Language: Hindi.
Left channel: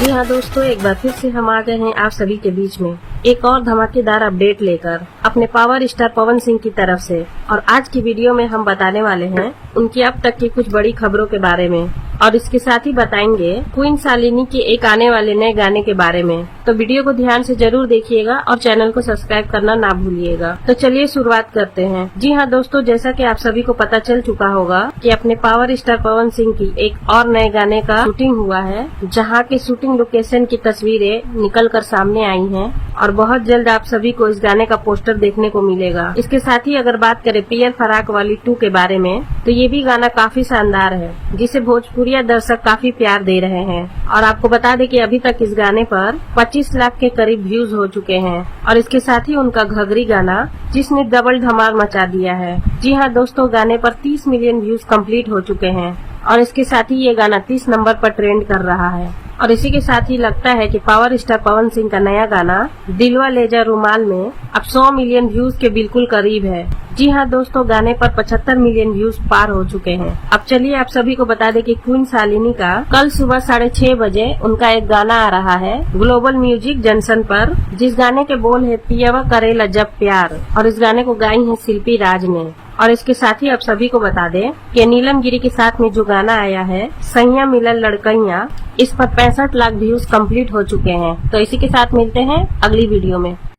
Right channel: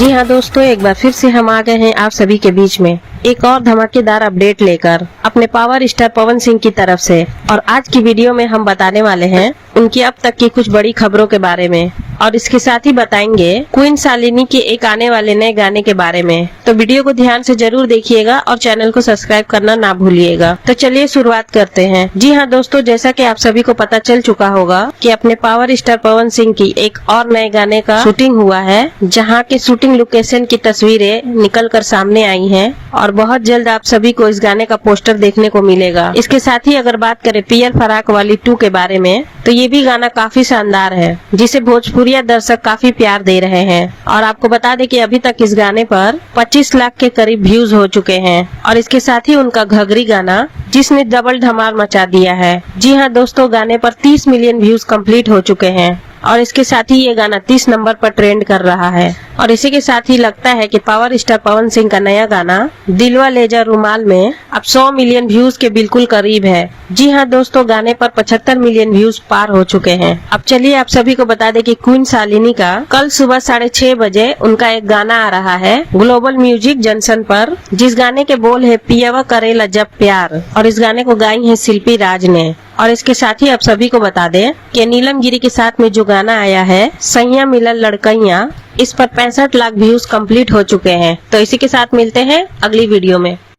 जी हाँ दोस्तों, एक बार फिर से हम आ गए हैं आप सभी के बीच में एक और धमाकेदार अपडेट लेकर अपने पावर स्टार पवन सिंह की तरफ से। और आज की वीडियो में हम बताने वाले हैं उनकी अब तक की कुछ बड़ी खबरों के बारे में, और इसके साथ ही बताएंगे क्वीन शालिनी के एक आने वाले नए गाने के बारे में। तो वीडियो को ध्यान से जरूर देखिएगा और चैनल को सब्सक्राइब करना ना भूलिएगा। तो चलिए शुरुआत करते हैं। जी हाँ दोस्तों, जैसा कि आप सभी को पता चल चुका होगा कि अपने पावर स्टार पवन सिंह की एक और नए गाने का शूटिंग हुआ है, जहाँ की शूटिंग लोकेशन की तस्वीरें निकल कर सामने आई हैं और बहुत जल्द आप सभी को इस गाने का पोस्टर देखने को मिलेगा। इसके साथ ही अगर बात करें पियर फराक वाली 2 के बारे में, तो ये भी गाना काफी शानदार है, जिसे भोजपुरिया दर्शक काफी प्यार दे रहे हैं। और आपको बता दें कि अभी तक इस गाने पर 25 लाख के करीब व्यूज हो चुके हैं। और इसके साथ ही उनका घघरी गाना, जिसने डबल धमाल मचा दिया है। जी हाँ दोस्तों, गाने पर 30 मिलियन व्यूज कंप्लीट हो चुके हैं और इसके साथ ही ये गाना 30 नंबर पर ट्रेंड कर रहा है। और इसी के साथ ही लगता है कि पावर स्टार पवन सिंह का नया गाना दिलवा ले जा रुमाल में अब 100 मिलियन व्यूज के बिल्कुल करीब है। जी हाँ दोस्तों, गाने पर 75 मिलियन व्यूज पार हो चुके हैं। अब चलिए आप सभी को बता दें कि क्वीन शालिनी का कल सुबह 6:30 बजे उनका एक गाना आ रहा है ग्लोबल म्यूजिक जंक्शन पर, जिस गाने के बोल है पियवा करेला जब प्यार, और इस गाने को गाई है शिल्पी राज ने। और इसके साथ ही आप सभी को बता दें कि नीलम गिरी के साथ में जो गाना आया है सैया मिलन लड़कैया, इस पर 65 लाख व्यूज कंप्लीट हो चुके हैं। तो इसी के साथ मिलते हैं अगली वीडियो में।